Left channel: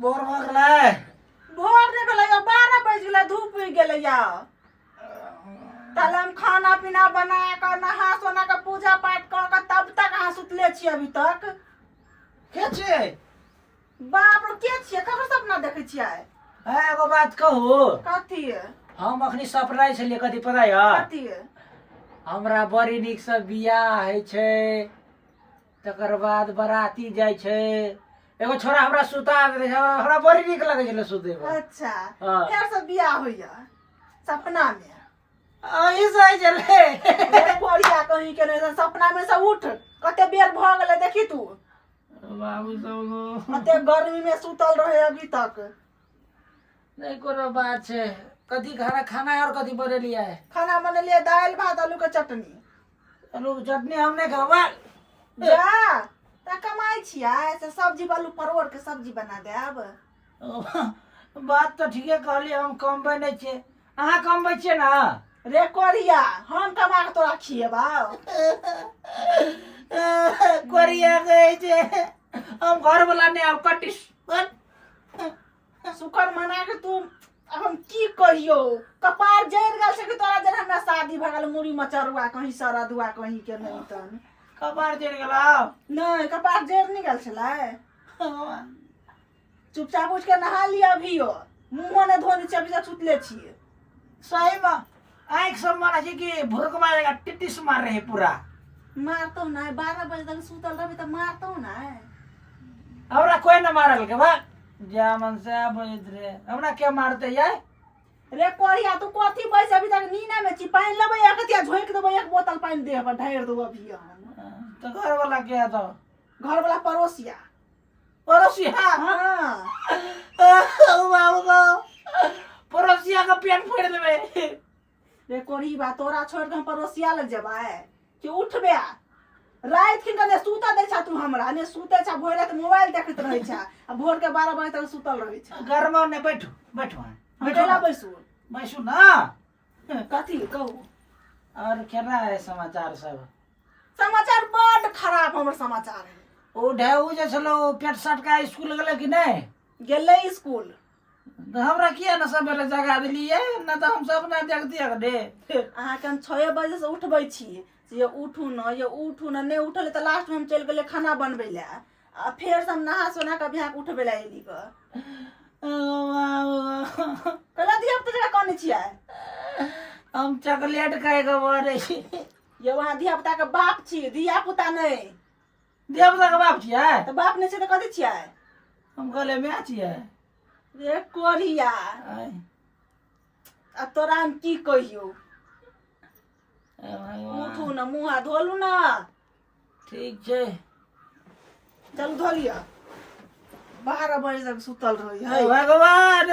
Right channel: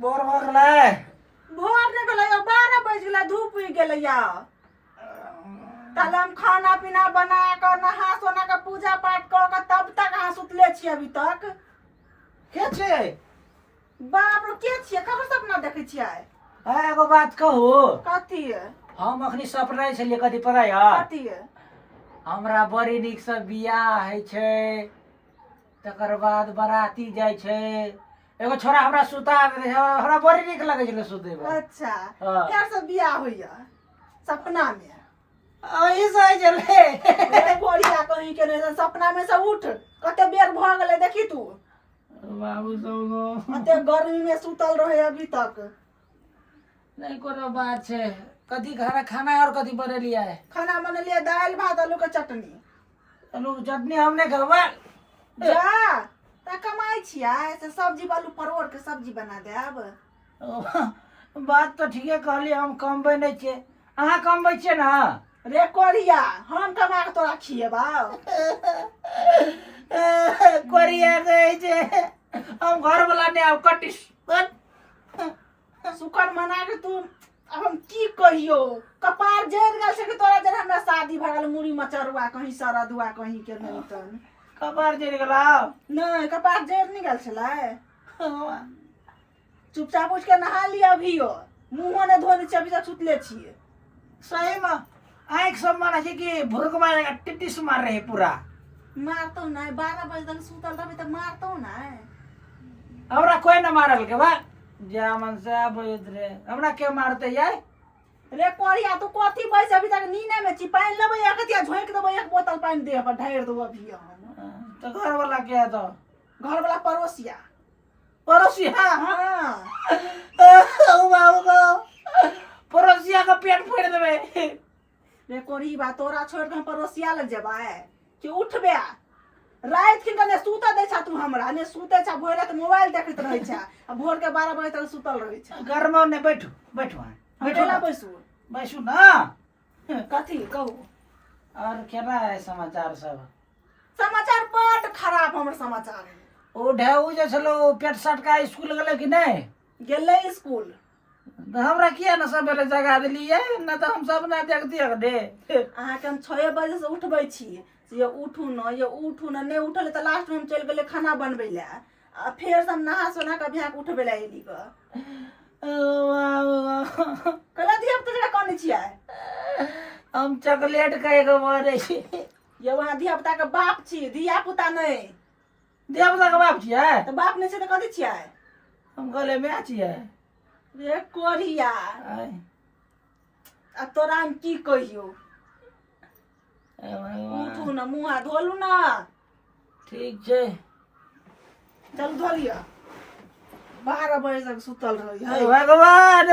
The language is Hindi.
बोर हो गए भोर नहीं गेलै 12 बज गेलै धूप उगि गेलै या ताले हम खाना पीना बना कर नहा सोना के पूजा पाठ कर के तब तक अहाँ सुतले छियै अभी तक के छे बाप रे के छियै ककर सपना देखै छियै एगो बात कहू कथी हम अखनी सपनाइ छलिए कथी पता य कथी हमरा बड़ी नीक से बियाह है छे तकर बाद बराती जाय छे एगो छोरा हमरा सुता दे हमरा बड़ी नीक लगे छले सुते में अच्छा हाँ। फेर से बियाह होइया सपना में आई सही चले बढ़िया कहीं के नहीं सपना में से उठ कते बेर भ गेलै देखी तू बाबू सब कते गर्मी में सुतल रहे अभी तक नहीं कोनो बात छे कथी खाना खाना है और कथी बनेलिया है खाना बनेलिए दाल भात आलू के चटनी आलू के चटनी हमने खावा जा ता कमाई छिया से सब्जी आलू परोड़ के सब्जी बना देब बात तो ठीके कहली हम कमबै नहीं छे अहाँ कमबै छे ना रे कोरिया हम कमा के तोरा खिएबा कोरिया गए छे हम घर वाला ने अब कटिस शुक्र मना के तू अब हम की कहियो कपार जर गेल से कि तोरा जर हमरा शादी भ गेल मुड़ी मचरुआ कहीं सरदुआ कहीं के नहीं तन कपार जर गेला नहीं कपार जर नहीं गेल छलै चुपचाप उठ के नहा लिया अभियो मुंहो ने धो दी छी अभी तक सुतले छिए सही में आँख सब माना छे कि भुरक मारेगा टिटिस मार रहे पूरा मारतो नहीं 12 बजे तक सुतल रहबे त मारतो नहीं हमरा कोई न मारल के बा जामन से आबैत रे हमरा के मारते यार रे कोरिया तू कथी पैसे अभी तक नीने में छी पानी लेबै एकतिया झोंक देबै एक बोतल पानी देह पर ढार देबो अभी हम तो घर वाला के है तो घर वाला पड़ोसिया पड़ोसिया हां ओ बाबू को पड़ोसिया का पेट फोड़ देबे रे कोरी बा तोरा छोड़ के हम पड़ोसिया लग जेबै कि उठबे रात के ने सुता दे छा तू हमरा ने सुते छा भोर रात मोबाइल देखैत रहै छा आ भोर के 12 बजे तक सुतल रहै छा घर में ने बैठो बैठो बैठला बैसू बैसू ना कथी कहू और केना है समाचार सब समाचार बड़ खराब हमर समाचार है ओ ढेउ जे छलो पेट सटका स्कूल गेले कि नहीं गेलै स्कूल तो हमरा किया न सबेरे जगा देलिए न तो हम सब ना देख दिया दे अहाँ के हम 6 बजे से उठबै छी ये उठू न नहीं उठल त लास्ट में हम चल गेले खाना बनबै ले आ फेर से हम नहा सोना के बिहाक उठबै ले एली ग कला दिया त जरा कोन छियै हम चॉकलेट खाए के मारे छी ये वहां धिया पुता के बाप छी धिया पुता नहीं देवता के बाप छियै त बाप नहीं छै त कथि छियै हम कहले मैं छियै रे कोरिया आ तोरा हम की कहियो उठू न मुंह हाथ धोलू न ठीक छै चल धोलिया 12 बजे तक सुतल रही है भगवान